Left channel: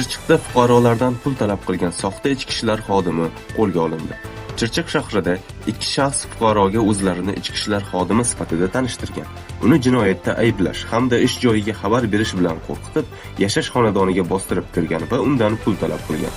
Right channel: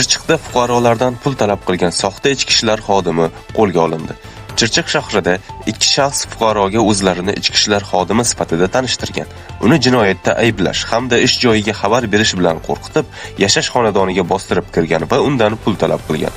Chirchiqda fuqarolardan pul talab qilgan soxta ichki ishlar xodimi qo'lga olindi. Chirchiq shahrida ikki shaxs fuqaroga o'zlarini ichki ishlar xodimi sifatida tanishtirgan. Uni jinoyatda ayblash hamda ish joyiga xabar berish bilan qo'rqitib, yashash xonadoniga bostirib kirgan va undan pul talab qilgan.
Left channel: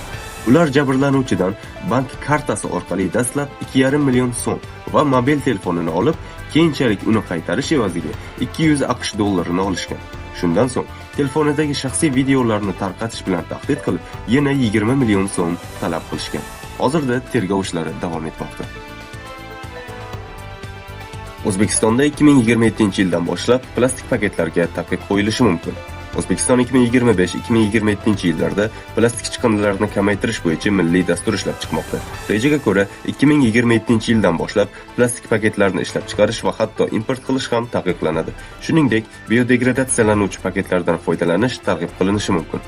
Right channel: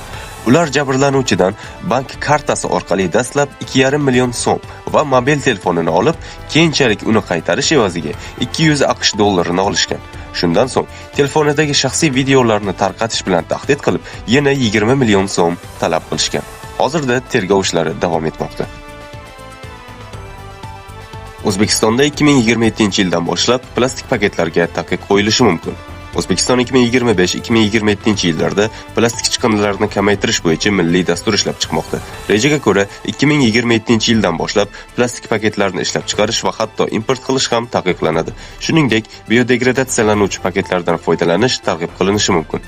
Ular jabrlanuvchidan bank kartasi orqali dastlab 2,5 million so'm va mobil telefonini olib, keyinchalik uni qaytarish evaziga 200 AQSh dollarini olishgan. Shundan so'ng telefonidagi shaxsiy videolarni tarqatish bilan tahdid qilib, yana 20 million so'm talab qilishgan. Hozirda tergov ishlari davom etmoqda. O'zbekistonda 2027-yildan boshlab plastik paketlarga taqiq qo'yilishi mumkin. O'zbekiston 2025-2027-yillarda plastik chiqindilarni kamaytirish bo'yicha milliy dastur ishlab chiqmoqda. Rejaga ko'ra, 2027-yildan boshlab plastik paketlarni ishlab chiqarish va hatto import qilish ham taqiqlanadi. Shuningdek, biodegradatsiyalanuvchi paketlardan foydalanish targ'ib qilinishi mumkin.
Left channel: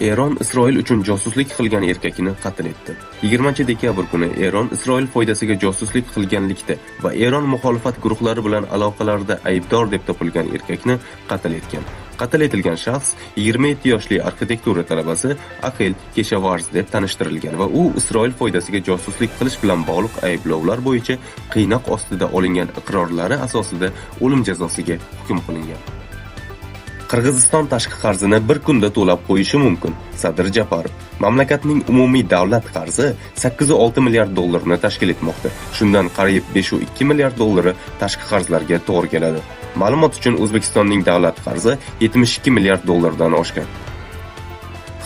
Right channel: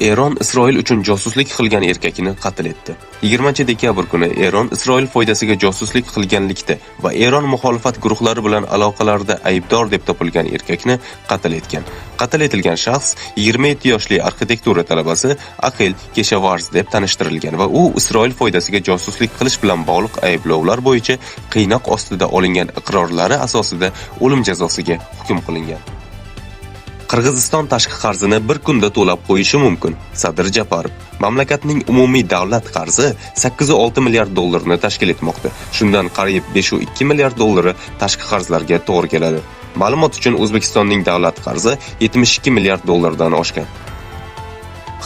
Eron Isroil uchun josuslik qilgan erkakni qatl etdi. 20-dekabr kuni Eron Isroil foydasiga josuslik qilganlikda va Eron muxolifat guruhlari bilan aloqalarda aybdor deb topilgan erkakni qatl etgan. Qatl etilgan shaxs 27 yoshli arxitektura talabasi Aqil Keshavarz deb tanishtirilgan va u Isroil foydasiga josuslik qilish bilan bog'liq ayblovlar bo'yicha qiynoq ostida olingan iqrorlari asosida o'lim jazosiga hukm qilingan. Qirg'iziston tashqi qarzini bir kunda to'lab qo'yishi mumkin. Sadir Japarov: mamlakatning umumiy davlat qarzi 8,6 milliard dollarni tashkil etmoqda. Shundan qariyb 5,2 milliard dollari tashqi qarzlarga to'g'ri keladi. Ma'lumot uchun, O'zbekistonning davlat qarzi 72 milliard dollardan oshgan.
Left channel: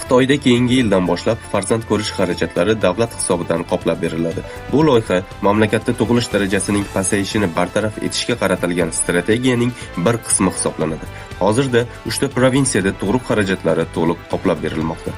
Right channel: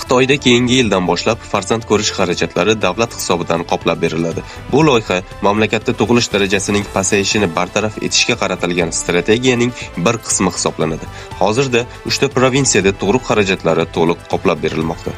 Xitoyda keyingi yildan boshlab farzand ko'rish xarajatlari davlat hisobidan qoplab beriladi. Bu loyiha mamlakatda tug'ilish darajasining pasayishini bartaraf etishga qaratilgan strategiyaning bir qismi hisoblanadi. Hozirda 3 ta provinsiyada tug'ruq xarajatlari to'liq qoplab berilmoqda.